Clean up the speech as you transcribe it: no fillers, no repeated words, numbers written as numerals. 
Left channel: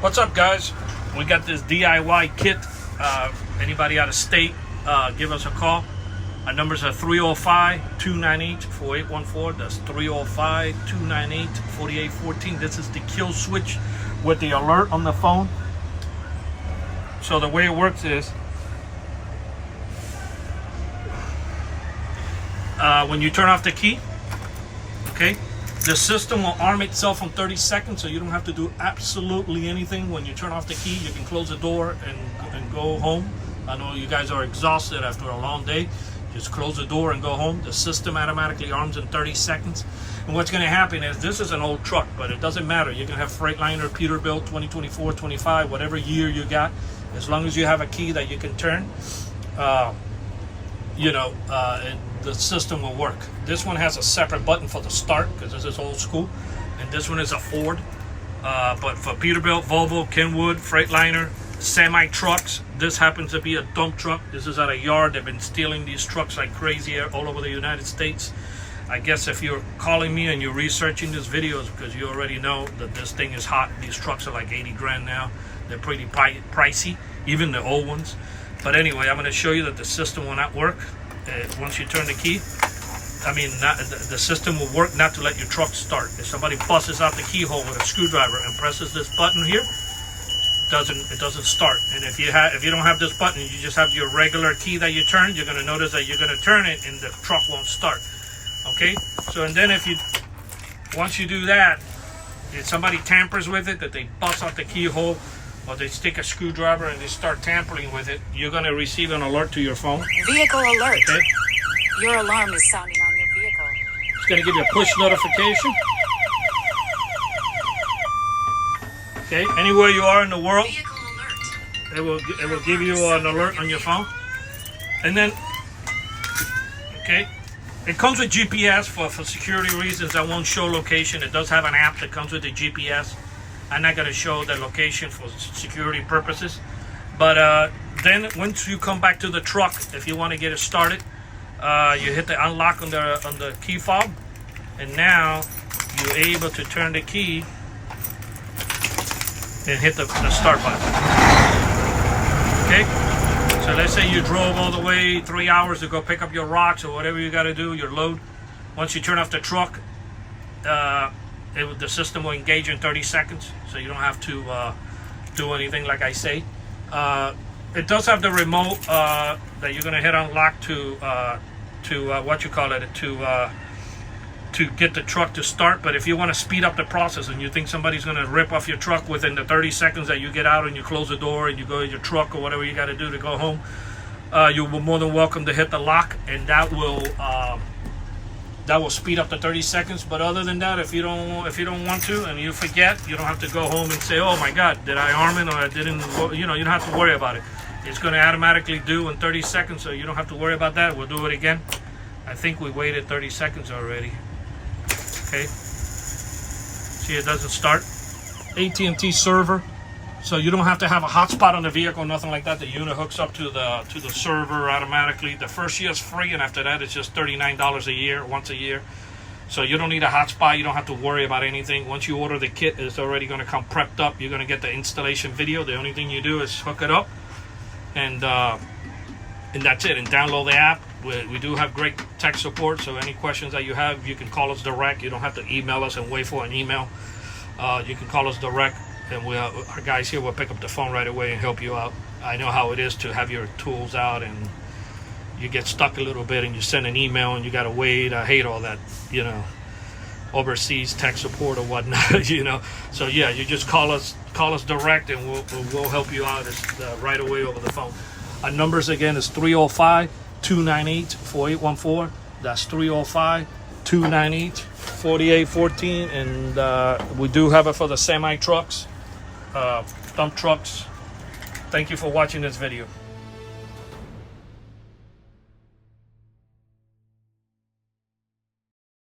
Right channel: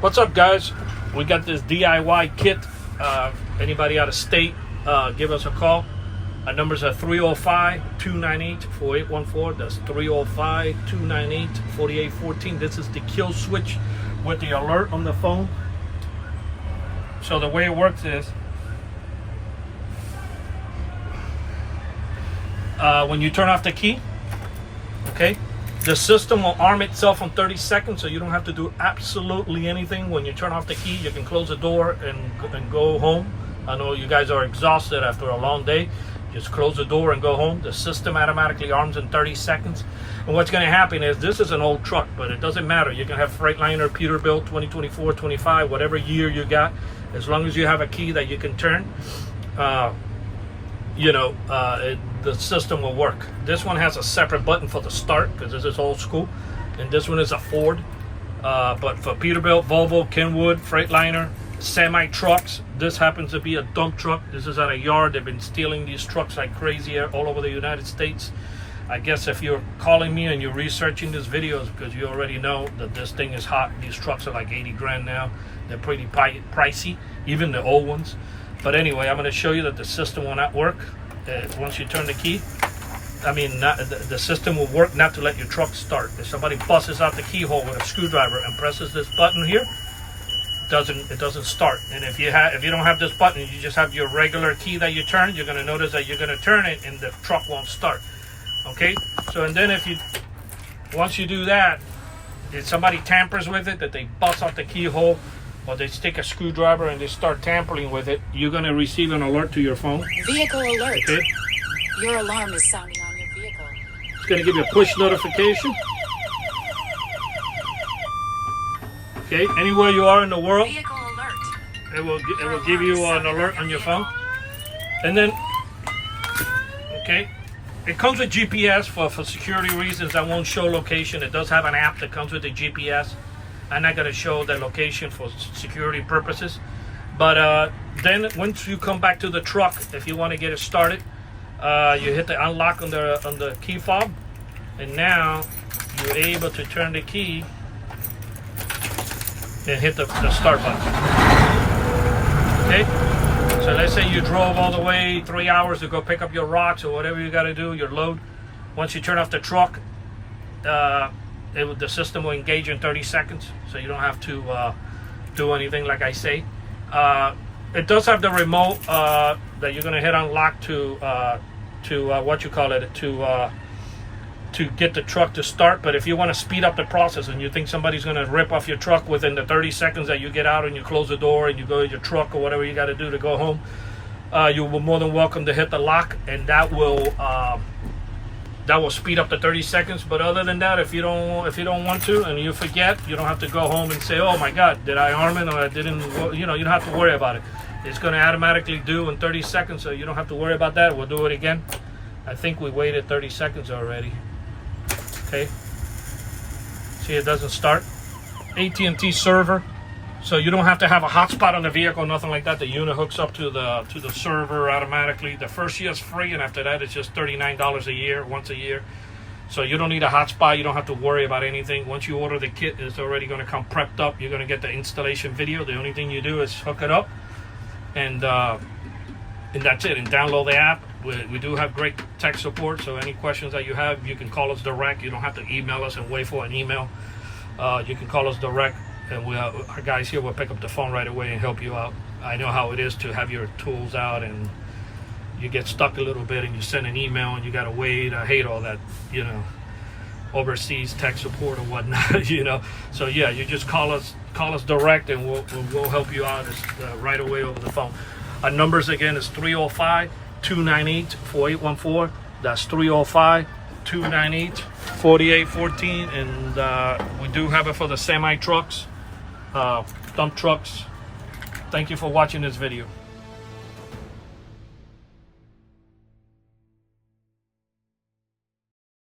What's up, guys? We got this DIY kit. Anybody out of state, give us a call. Our numbers are 305-298-4814. That's 305-298-4814. This is the kill switch with the alert on the phone. So the way it works is, when you turn off the key, okay, the system will arm itself in 30 seconds, so you don't have to do absolutely anything. When you turn off the key, you can close the door and go home. I know you guys are exhausted after a long day. Just close the door and go home. The system automatically arms in 30 seconds. And what's going to happen is, this is an old truck, but it doesn't matter. You can have Freightliner, Peterbilt, 2024, 25, whatever year you got. As long as you have a key that you can turn, the system will work. This one has a separate button for the start because this is old school, and this one is a Ford. But for Peterbilt, Volvo, Kenwood, Freightliner, semi trucks, this happens to be a dump truck. This is at a yard. They've been stealing these trucks like crazy all over the United States. I guess if you're calling me and you're researching these videos, because you already know that this thing is hot. These trucks are like 80 grand now. They're pretty pricey, even the old ones. But anyway, I'm going to show you that the system will not work once you turn the key. The system will work not to let your truck start. If somebody busts out the keyhole with a screwdriver and presses this button here, it doesn't start. And if you don't have this button, you just have your regular key that you turn, you're going to notice that you're going to turn it and the truck won't start. Okay? So, and then once you do that, if somebody tampers with it, that they bust out the keyhole, or they stick a screwdriver and they start tampering with it, you're going to receive an alert to your phone. Vehicle alert. Okay? Your alarm is sounding on your vehicle. It's going to give you a push notification. Okay, anywhere you are in the world, Vehicle alert. it will give you an alert on your phone. And then, okay, it comes with GPS for security reasons. I won't show location. It does have an app that comes with the GPS. I'm not going to show the location for security purposes. But then once you come back to the truck, if you want to get it started, you hit the unlock on the key fob, and now you're able to turn the key and hit the start button. Okay? So let's say you drove all the way 3 hours to go pick up your rocks or whatever you got to do, your load. Once you turn off the truck, the system will engage in 30 seconds, so you don't have to do anything like I say. It does have the remote that you're going to hit unlock to get the truck to start. But if you want to speed up the process and you think somebody's going to rip off your truck within the 30 seconds that you get out and you close the door and you go to your truck or whatever you got to do to go home, you're more than welcome to hit the lock, and that will speed up the 30 seconds. But other than that, if you don't want to and you forget, you don't have to go home and say, oh my God, did I arm it or I didn't? You don't have to worry about it. It's going to automatically do in 30 seconds, so you don't have to worry about that. We'll do it again. I think we waited 30 seconds already. Okay. See, it doesn't start. AT&T server. So you don't have to have a hotspot on the vehicle, nothing like that. The unit hooks up to the server automatically. The first year is free, and after that, it's just $39 a year, once a year. So you don't need a hotspot. You don't have to worry about anything. Once you order the kit, it's already going to come prepped up. You're going to get the installation video. The only thing you do is hook it up, and that's it. And download the app. We do have great tech support. So any questions that you have, you can call us direct. You don't have to email us and wait for an email. You can call us direct. And our guys here will pick up the phone right away and help you out. I know how it is to have your tools out and you get stuck a little bit and you send an email and you got to wait. I hate all that, overseas tech support or whatnot, So yeah, you just call us direct, and we'll help you out right away over the phone. Our numbers again is 305-298-4814. That's 305-298-4814, and we do have it for the semi trucks. Dump trucks. Thank you for watching this video.